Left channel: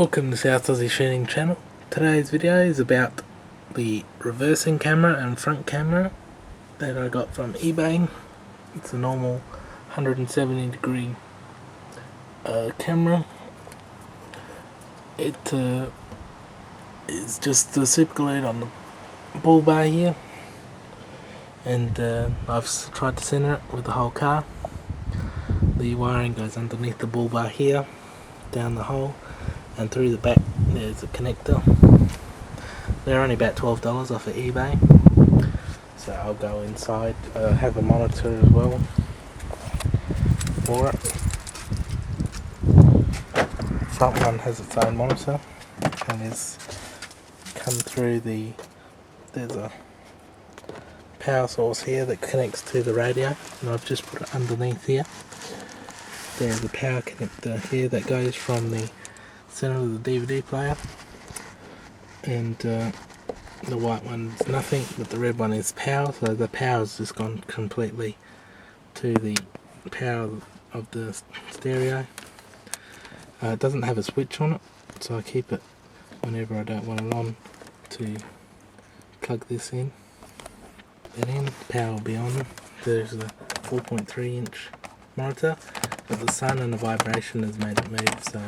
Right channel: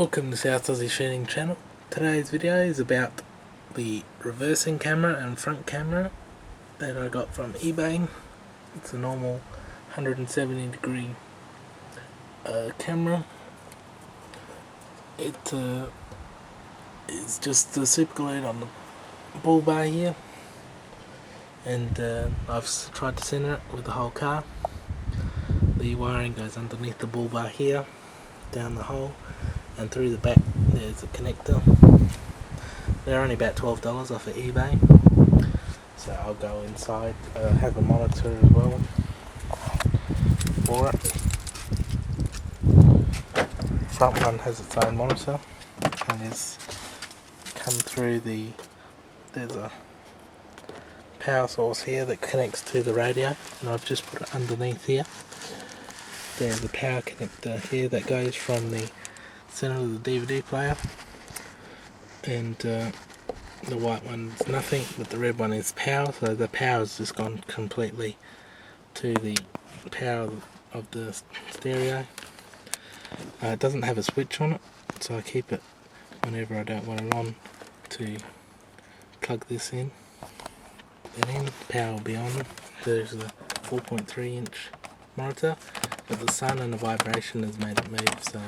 Welcome to South Aussie Shooting Channel. Today's video is about the reversing camera and front camera that I got from eBay. It's a normal 170 degree camera. It is just the super glued on the bull bar here, and I've tried to center it with the whole car. The wiring goes underneath the bull bar here, down the hole, and through the back there's a connector. They're only about $12 off of eBay, so I'll go inside. Have a monitor as well for it. Front one has its own monitor, and it's come through there's a power source here that connects to the radio, and I've just put it underneath here. There's a power connector here that goes from the center of the DVD player, and the white one's nothing, but the red one is power, so the power's just gone completely to the power of the stereo. It doesn't have a switch on it, so I keep it whenever I don't want it on to plug this in. Then the power will be on. There's a 4.3 inch monitor, but the sun and the vibration has made it move, so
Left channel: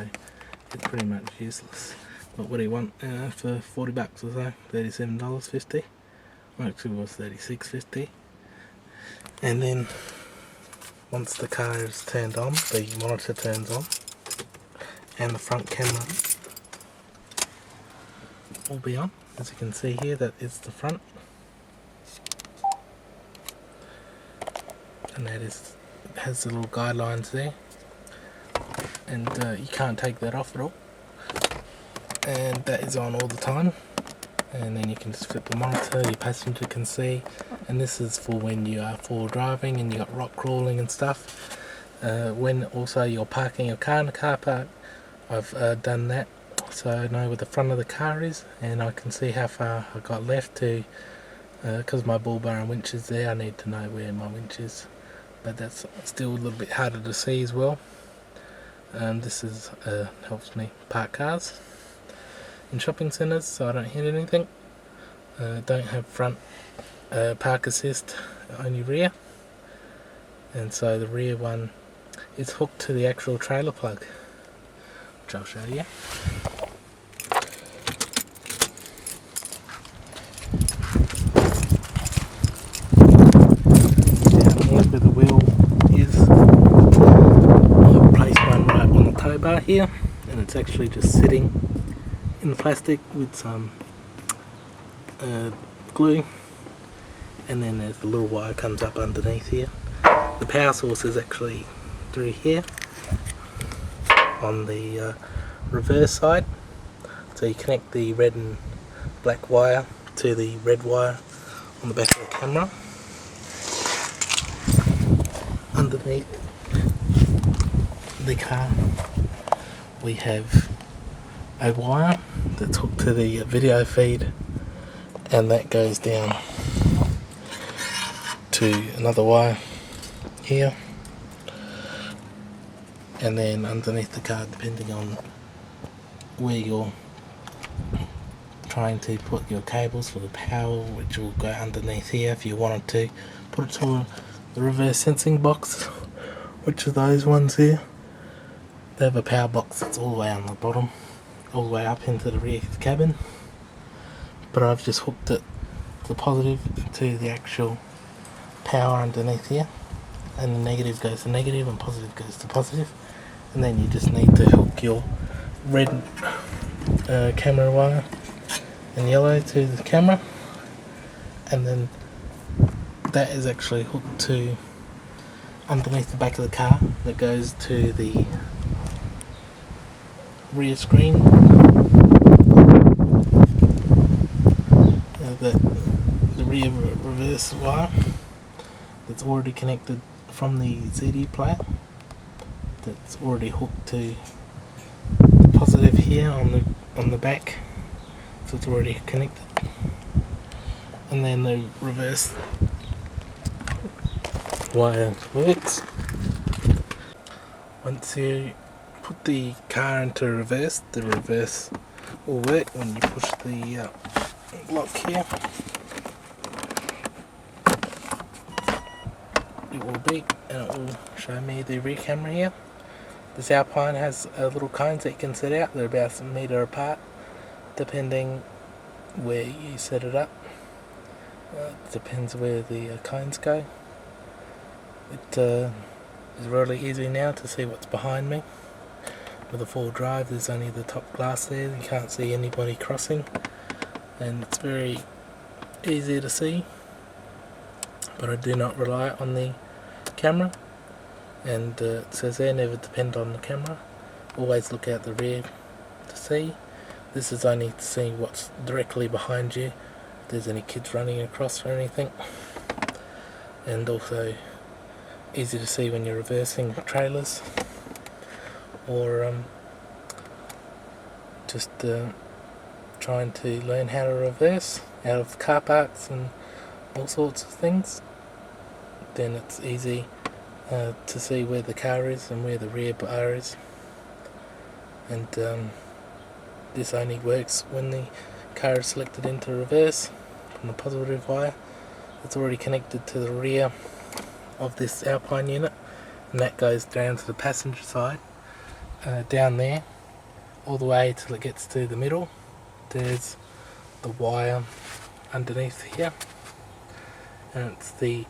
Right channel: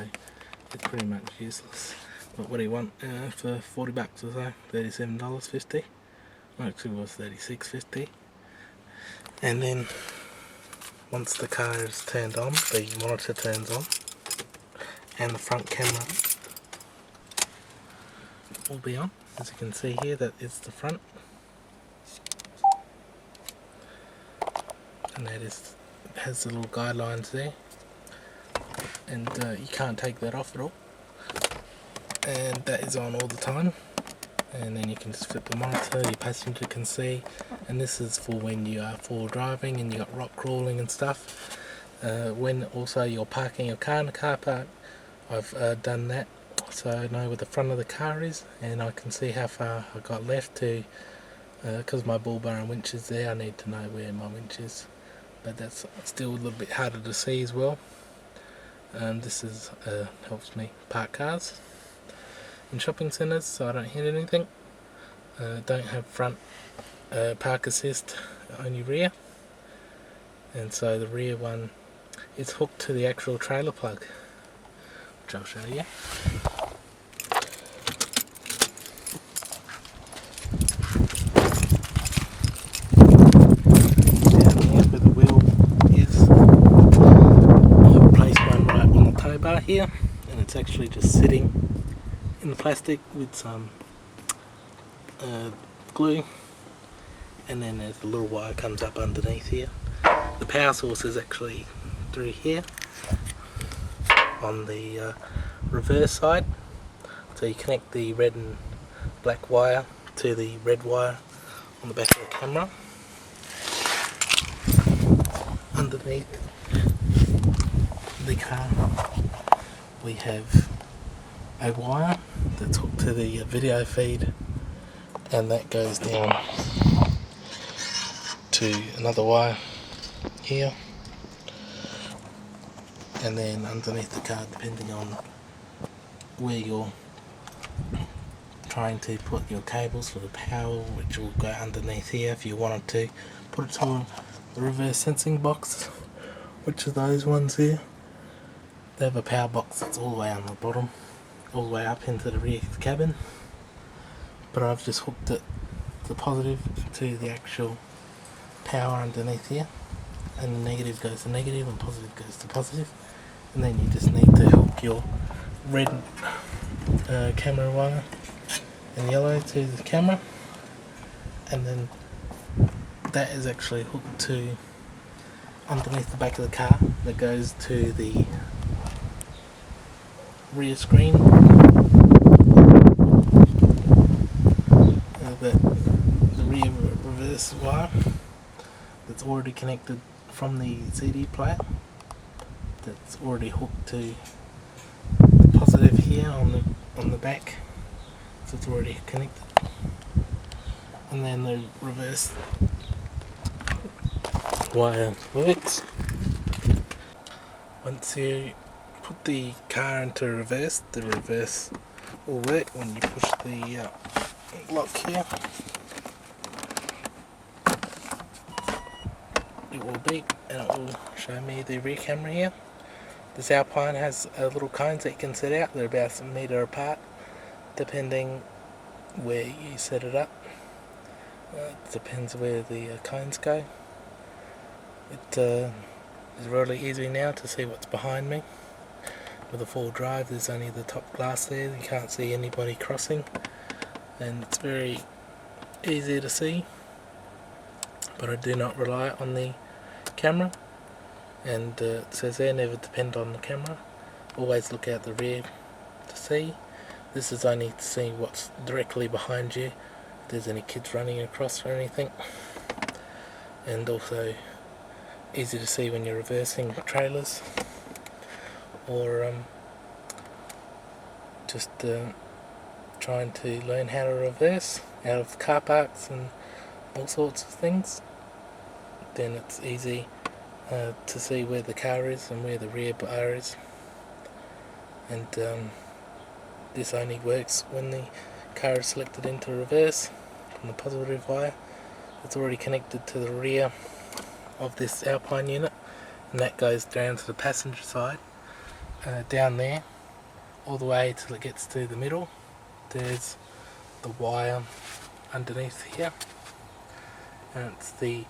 it's pretty much useless. But what do you want for 40 bucks or so? $37.50. Well, actually it was $36.50. And then once the car is turned on, the monitor turns on, and the front camera will be on. As you can see here, that is the front, and that has the little guidelines there, and you can't take that off at all, and that is on all the time. And then you can just flip the monitor, your passenger can see, and this is for when you are four-wheel driving and you got rock crawling and stuff. When also you're parking your car in the car park, I've done that, so I know where the front of the car is, and I can see how far I got left to, because my bull bar and winch is there. I need to know where my winch is, but that's still a little bit harder to see as well. This is helps me park cars in shopping centres, so I don't hit anything. Don't have front park assist, only rear, and so the rear one is hooked to the actual trailer plug, which I'll show you. Down here where the wheel is, I've placed one right on the tow bar here, and it's actually just sitting in the plastic with some glue, and then there's the little wire comes up underneath here. The power source is actually through here on the reverse side, so you connect the red and black wire to the red wire on the back of the camera. Underneath the car we have a wire that's hooked to the video feed, and that goes down to another wire here, and then underneath the car, depending on where you're trying to put your cables for the power, which will go underneath here if you wanted to put it to the reverse sensing box, which are those ones here. They have a power box that's all the way on the bottom, all the way up into the rear cabin, but I've just hooked it, the positive to the actual power underneath here, and the negative goes to negative and positive goes to positive. And then you just need to hook your red camera wire and yellow to the camera, and then that is actually hooked to underneath the back of the car that goes to the rear screen. The rear reverse wire that's already connected from the CD player, that's already hooked to the positive here on the back, so it's already connected. And then the reverse wire works. Once you put the car into reverse, the reverse will work when you push the lock here. It will beep and it will show me the rear camera here. This Alpine has little cones that you can set out. They're about a metre apart depending where you set it up. It depends where the cones go. It is really easy now to see what's behind me. With a 4 drive, there's only the top glass there. You can't see anybody crossing, and it's very easy to see. But I do not rely on the camera, and it says there, never depend on the camera. Always look out the rear to see. This is only to see what's directly behind you, if there's any kids running across or anything. And also easy to see when you're reversing trailers, or just trying to learn how to reverse out of car parks and all sorts of things. Then it's easy to see where the car is and where the rear bar is. And this only works when the car is selected into reverse from the positive wire. It's already connected to the rear of this Alpine unit, and that goes down to the passenger side, down there, all the way till it gets to the middle. There's the wire underneath here, and it's the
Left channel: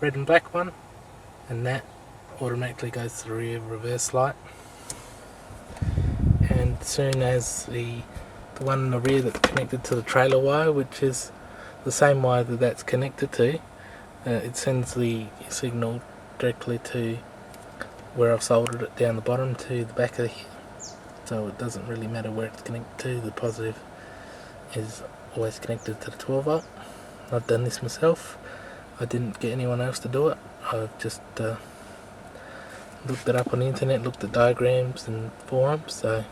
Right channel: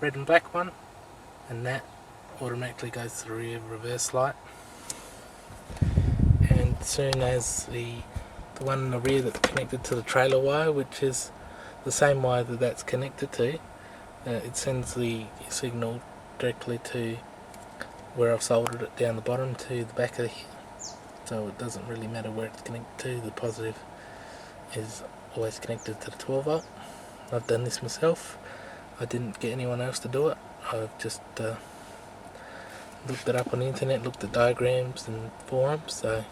red and black one, and that automatically goes to the rear reverse light. And as soon as the one in the rear that's connected to the trailer wire, which is the same wire that that's connected to, it sends the signal directly to where I've soldered it down the bottom to the back of here. So it doesn't really matter where it's connected to. The positive is always connected to the 12 volt. I've done this myself. I didn't get anyone else to do it. I've just looked it up on the internet, looked at diagrams and forums, so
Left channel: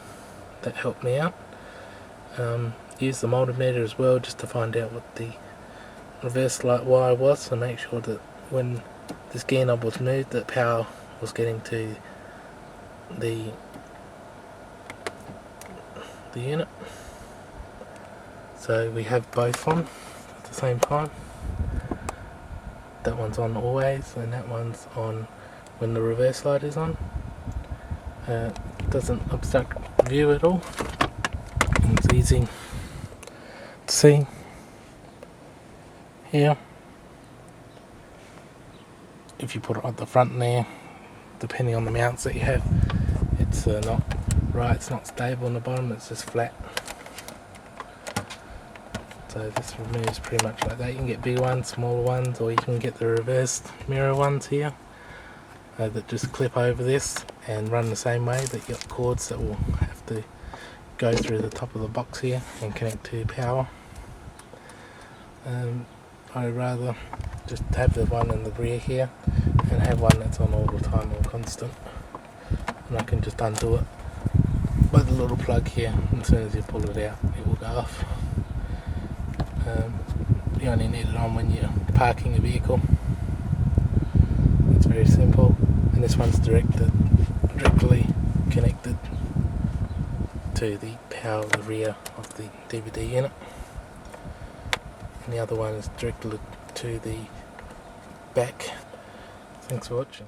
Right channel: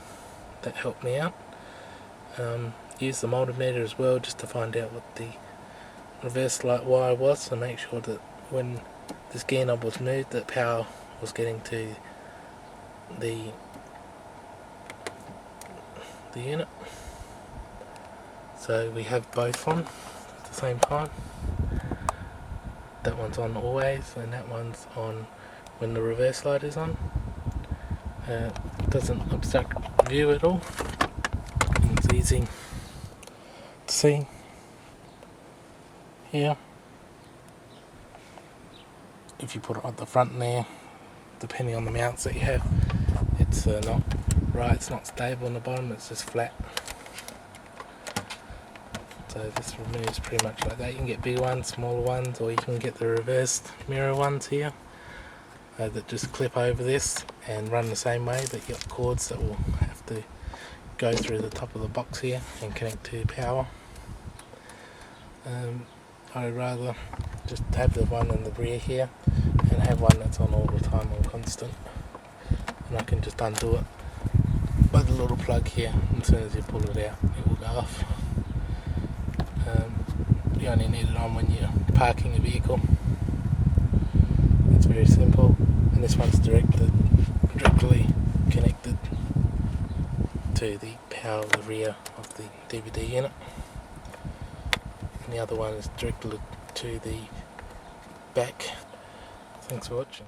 that helped me out. Used the multimeter as well just to find out what the reverse light wire was, to make sure that when this gear knob was moved, that power was getting to the unit. So we have both on at the same time. That one's on always, and that one's on when the reverse light is on. Doesn't obstruct view at all, and it's easy to see here. If you put it at the front there, depending on the mounts that you have, it's not right, it's not stable on the bottom, it's just flat. So this removes pretty much like that. You can get bigger ones, smaller ones, or you can get the reversed mirror ones here that just clip over this and run the same way, but you've got cords that will have to go through the top of the box here and connect to power. I'd rather just have the one in the rear here and have one that's on all the time, or constant, and I can just undo it by the little plug here, and as soon as you pull it out it will go off. You only need it on when you're parking a vehicle. It's very simple, and this one's directly connected to the power of the rear of the DVD unit, and the other one is directly to the back. Thanks for watching.